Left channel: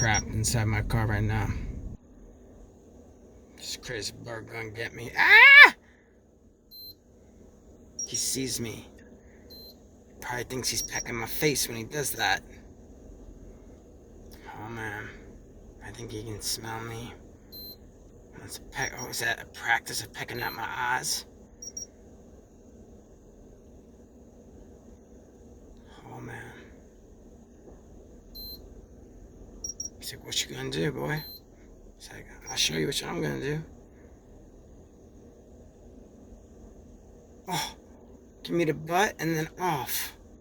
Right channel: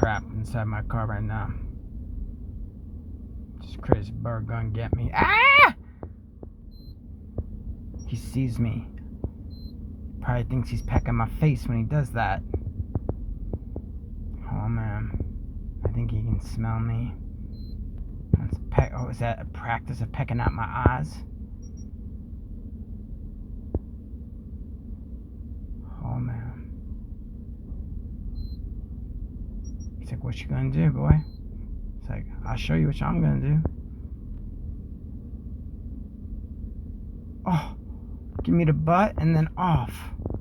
trapped inside my car right now. This crazy bird gonna get me. Ah! He sees me. Probably thinks he's pecking my face when he does that. Oh man, I think he can smell me. That's a peck. Oh, is that a practice of pecking out my eyes? Oh man. He's like, what you gonna do, boy? It's like, I'll show you what I'm gonna do. Oh, give me the butt and then off.